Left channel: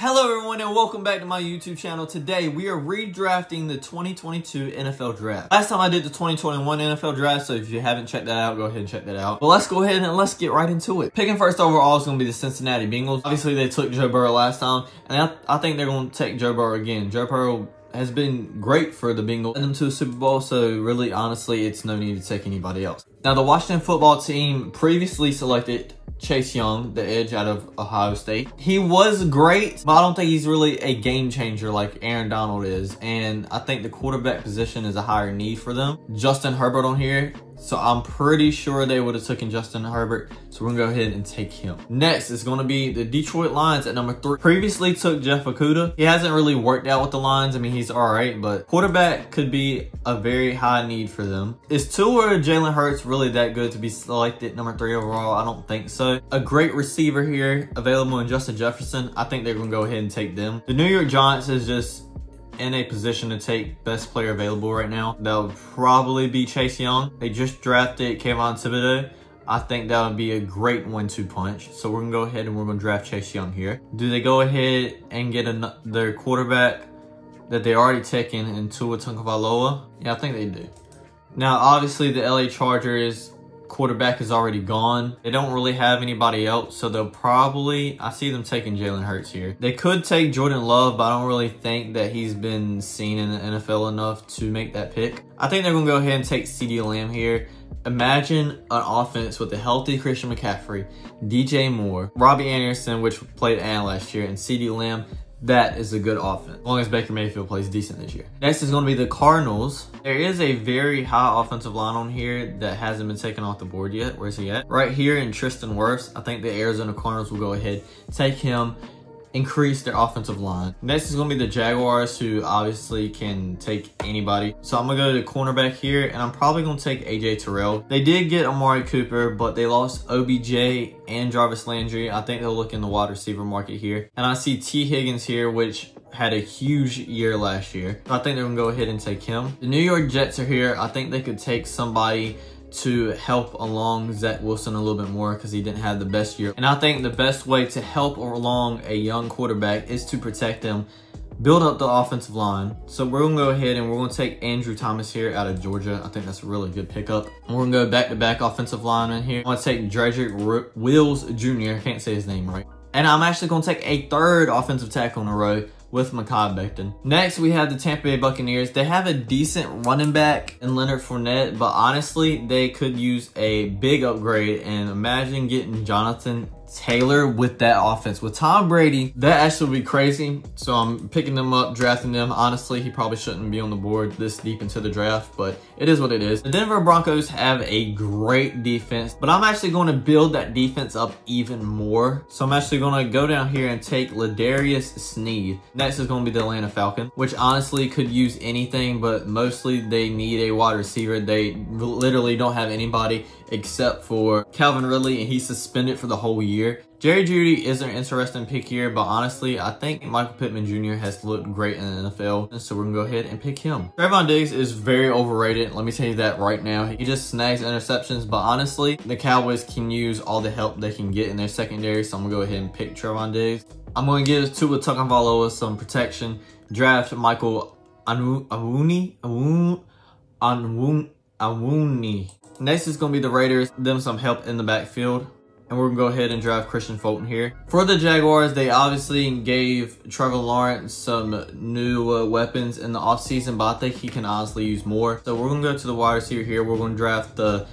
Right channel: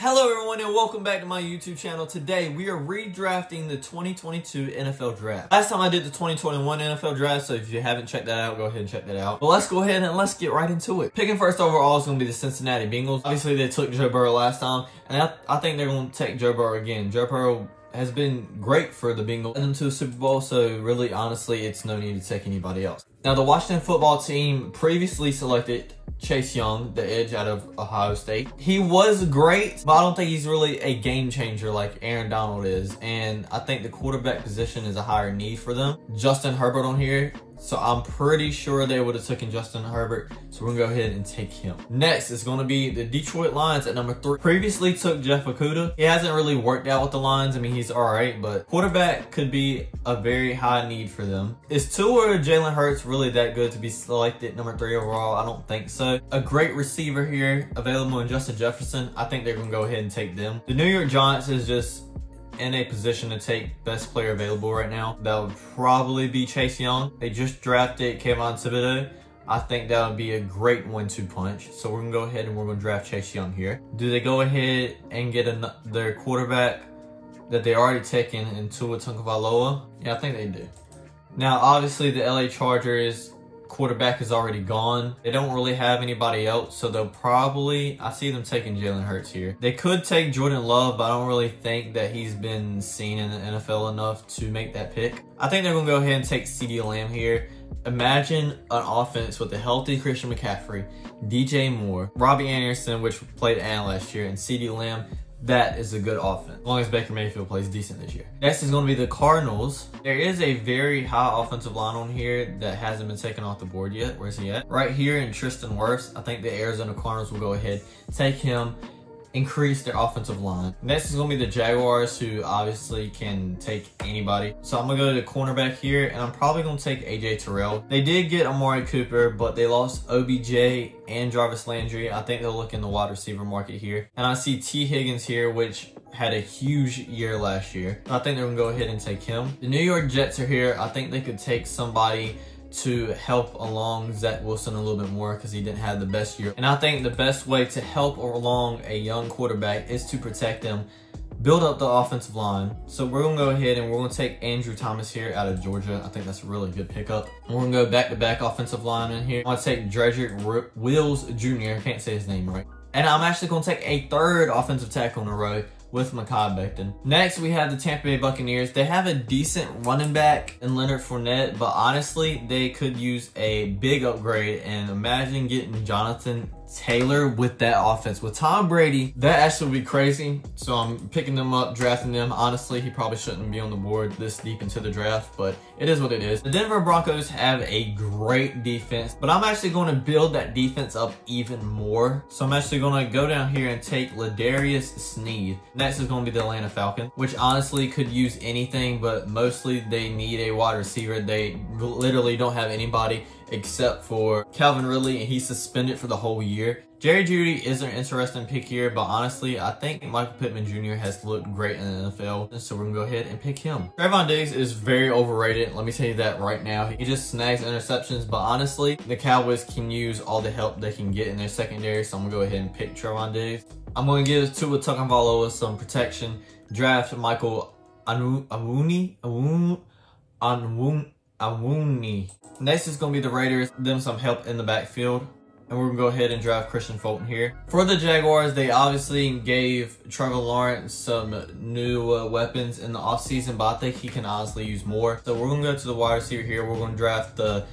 Hello everyone and welcome back to my YouTube channel. Today we are redrafting the 2022 NFL Draft. Last time I did the 2021 NFL Draft, so if you haven't checked that out, go ahead and check that out. But let's go ahead and let's get right into it. Picking first overall is going to be the Cincinnati Bengals. Obviously they took Joe Burrow last time, and I think they're going to take Joe Burrow again. Joe Burrow has been great for the Bengals and them to the Super Bowl, so really, honestly, it's no need to take anybody else. Now, the Washington football team previously selected Chase Young, the edge out of Ohio State. He was great, but I don't think he's really a game changer like Aaron Donald is. And I think the quarterback position is a higher need for them. Justin Herbert on here. So I'm pretty sure they would have taken Justin Herbert. So we're going to go ahead and take him. Next is going to be the Detroit Lions at number 3. Previously took Jeff Okudah. He hasn't really worked out with the Lions. I mean, he's all right, but quarterback could be a very high need for them. Is Tua or Jalen Hurts really that good to be selected number 3 overall? I don't think so. A great receiver here available in Justin Jefferson. I think they're going to go ahead and take them. The New York Giants is just in a position to take best player available right now. That would probably be Chase Young. They just drafted Kayvon Thibodeau. I think that would be a great 1-2 punch. So we're gonna go ahead and we're gonna draft Chase Young here. Do they go ahead and get their quarterback that they already taken in Tua Tagovailoa? Yeah, I think they do. Now, obviously the LA Chargers quarterback is already gone. They don't really have anybody else, so they'll probably, I see them taking Jalen Hurts here. They could take Jordan Love, but I don't really think that he's been seen in the NFL enough to make that pick. I think they're gonna go ahead and take CeeDee Lamb here. Imagine an offense with a healthy Christian McCaffrey, DJ Moore, Robbie Anderson, which played Ant last year, and CeeDee Lamb. That is a good offense, as long as Baker Mayfield plays decent this year. Next is going to be the Cardinals. There is a very high offensive line on here that hasn't been taken off the board yet. Where's he at? Right here in Tristan Wirfs. I think the Arizona Cardinals will go ahead, take him, increase their offensive line. Next is going to be the Jaguars, who obviously can take anybody. So I'm going to go to the cornerback here, and I'm probably going to take AJ Terrell. They did get Amari Cooper, but they lost OBJ and Jarvis Landry. I think they'll look in the wide receiver market here. And I see T. Higgins here, which had a huge year last year. I think they're going to go ahead and take him. The New York Jets are here. I think they could take somebody to help along Zach Wilson a little bit more because he didn't have the best year. And I think the best way to help along a young quarterback is to protect him, build up the offensive line. So we're going to go ahead and we're going to take Andrew Thomas here out of Georgia. I think that's a really good pickup. We're going to go back-to-back offensive lineman here. I want to take Dredrick Wills Jr. I can't say his name right. And I'm actually going to take a third offensive tackle in a row with Mekhi Becton. Next, we have the Tampa Bay Buccaneers. They have a decent running back in Leonard Fournette, but honestly, they could use a big upgrade. And imagine getting Jonathan Taylor with that offense. With Tom Brady, that actually would be crazy. So I'm picking them up, drafting them. Honestly, he probably shouldn't be on the board this deep into the draft, but it is what it is. The Denver Broncos have a great defense, but I'm actually going to build that defense up even more. So I'm actually going to go down here and take Ladarius Sneed. Next is going to be the Atlanta Falcons, which honestly could use anything, but mostly they need a wide receiver. They literally don't have anybody except for Calvin Ridley, and he's suspended for the whole year. Jerry Jeudy is an interesting pick here, but honestly, I think Michael Pittman Jr. has looked great in the NFL, so we're going to go ahead and pick him. Trevon Diggs is very overrated. Let me tell you that right now. He just snags interceptions, but honestly, the Cowboys can use all the help they can get in their secondary, so I'm going to go ahead and pick Trevon Diggs. I'm going to give Tua Tagovailoa some protection. Draft Michael Onwenu. Next is going to be the Raiders. Them some help in the backfield. And we're going to go ahead and draft Christian Fulton here. For the Jaguars, they obviously gave Trevor Lawrence some new weapons in the offseason, but I think he can honestly use more. So we're going to go to the wide receiver here. We're going to draft the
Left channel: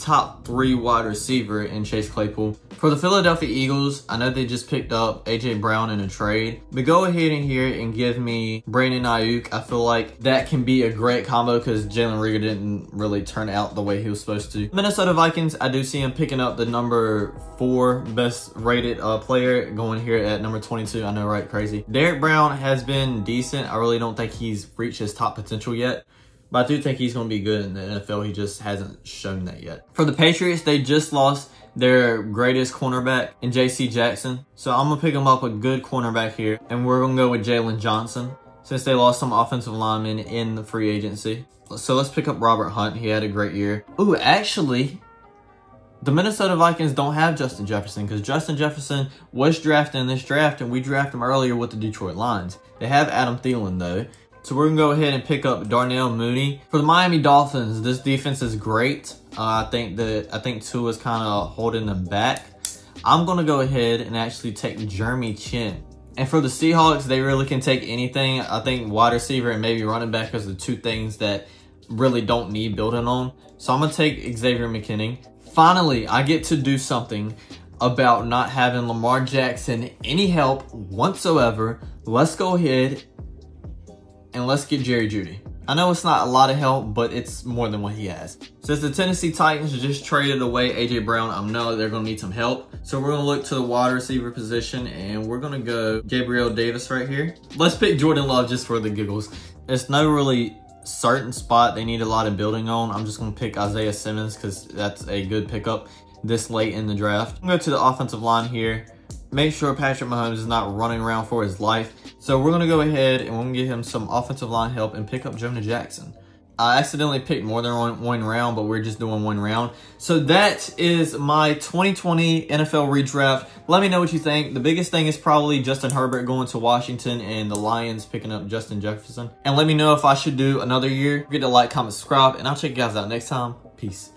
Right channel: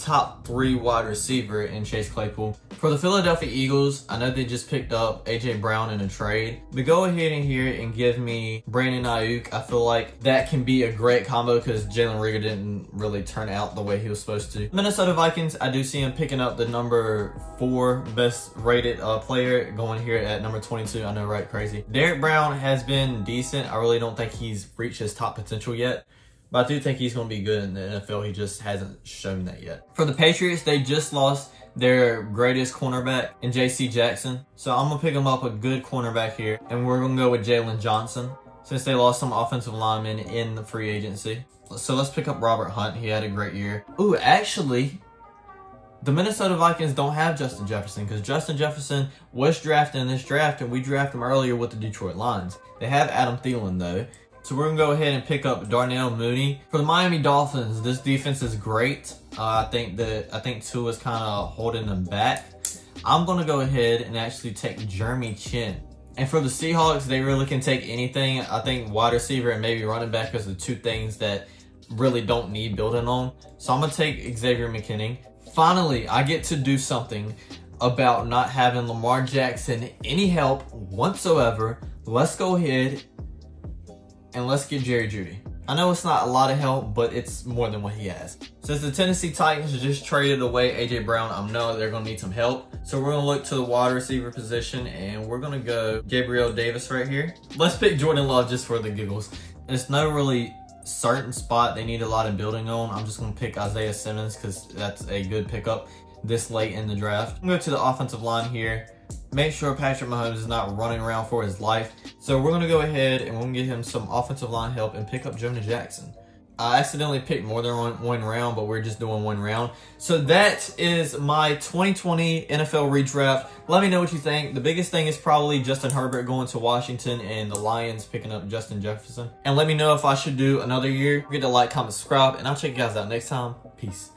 top 3 wide receiver in Chase Claypool. For the Philadelphia Eagles, I know they just picked up A.J. Brown in a trade, but go ahead in here and give me Brandon Ayuk. I feel like that can be a great combo because Jalen Reagor didn't really turn out the way he was supposed to. Minnesota Vikings, I do see him picking up the number 4 best rated player, going here at number 22. I know, right? Crazy. Derek Brown has been decent. I really don't think he's reached his top potential yet, but I do think he's going to be good in the NFL. He just hasn't shown that yet. For the Patriots, they just lost their greatest cornerback in J.C. Jackson. So I'm going to pick him up a good cornerback here. And we're going to go with Jalen Johnson since they lost some offensive linemen in the free agency. So let's pick up Robert Hunt. He had a great year. Ooh, actually, The Minnesota Vikings don't have Justin Jefferson because Justin Jefferson was drafted in this draft and we drafted him earlier with the Detroit Lions. They have Adam Thielen though. So we're going to go ahead and pick up Darnell Mooney. For the Miami Dolphins, this defense is great. I think Tua's kind of holding them back. I'm going to go ahead and actually take Jeremy Chin. And for the Seahawks, they really can take anything. I think wide receiver and maybe running back is the two things that really don't need building on. So I'm going to take Xavier McKinney. Finally, I get to do something about not having Lamar Jackson any help whatsoever. Let's go ahead and let's get Jerry Jeudy. I know it's not a lot of help, but it's more than what he has. Since the Tennessee Titans just traded away A.J. Brown, I know they're going to need some help. So we're going to look to the wide receiver position, and we're going to go Gabriel Davis right here. Let's pick Jordan Love just for the giggles. It's no really certain spot they need a lot of building on. I'm just going to pick Isaiah Simmons because that's a good pickup this late in the draft. I'm going to go to the offensive line here. Make sure Patrick Mahomes is not running around for his life. So we're going to go ahead and we're going to get him some offensive line help and pick up Jonah Jackson. I accidentally picked more than one round, but we're just doing one round. So that is my 2020 NFL redraft. Let me know what you think. The biggest thing is probably Justin Herbert going to Washington and the Lions picking up Justin Jefferson. And let me know if I should do another year. Don't forget to like, comment, subscribe, and I'll check you guys out next time. Peace.